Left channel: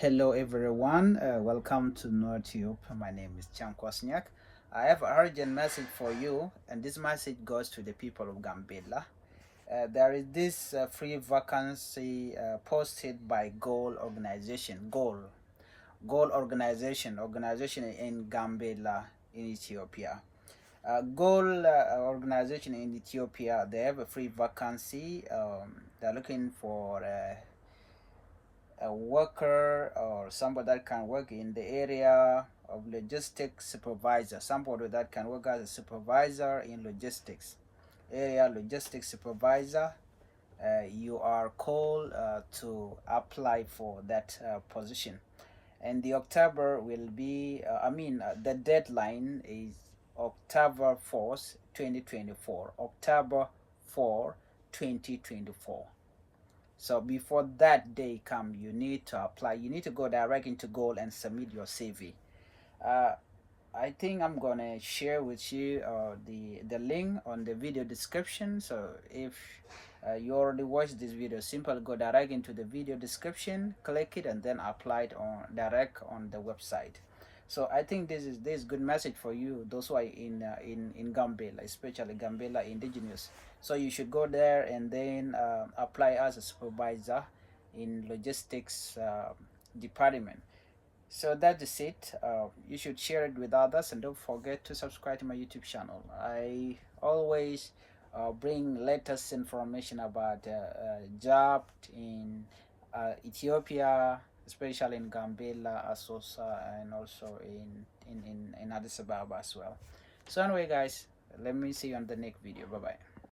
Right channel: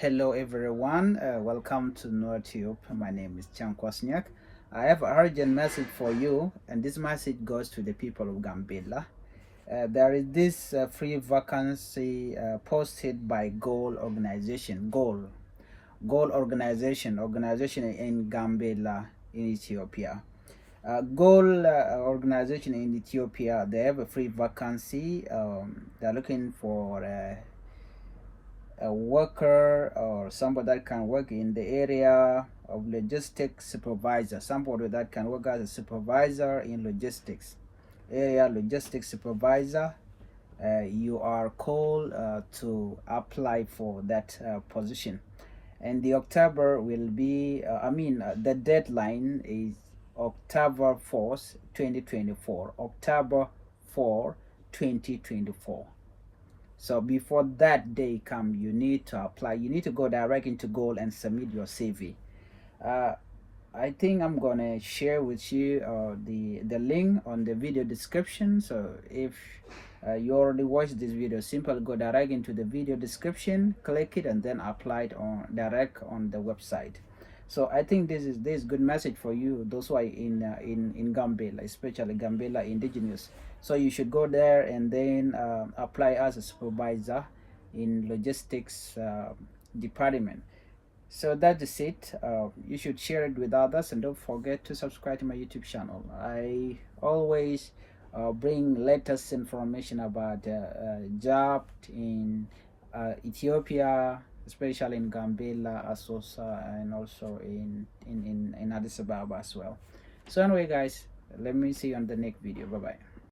Hello everyone, welcome to NordTube. My name is Chan Kwasniak. I have an urgent message for you, and this message goes to the people of Gambella. There is this free vacancy posted by GOAL organization, GOAL organization in Gambella in Ethiopia. GOAL organization in Ethiopia, they have a free vacancy. They're looking for a worker or somebody that can work in the area of logistics supervisor, somebody that can work as a supervisor in logistics, area logistics supervisor. You are called to apply for that position, and the October will be the deadline is October 4th 2024, October 4 2024. So before that day come, you need to apply. You need to go direct into GOAL and submit your CV. I think I'm gonna share with you the link on the video description. So if you already watched this video, simply go direct into the video description, click it, and then apply it on direct on the website. So I think this is good message for you, those who are in Gambella, especially Gambella indigenous. So you should go there and then apply as a supervisor in logistics department. So that is it. You should share it with others, and don't forget to subscribe to my YouTube channel. I always bring latest information about job in Ethiopia, especially in Gambella, Asosa, and also in Addis Ababa as well. So anyway guys, let me see you on the next video. Bye bye.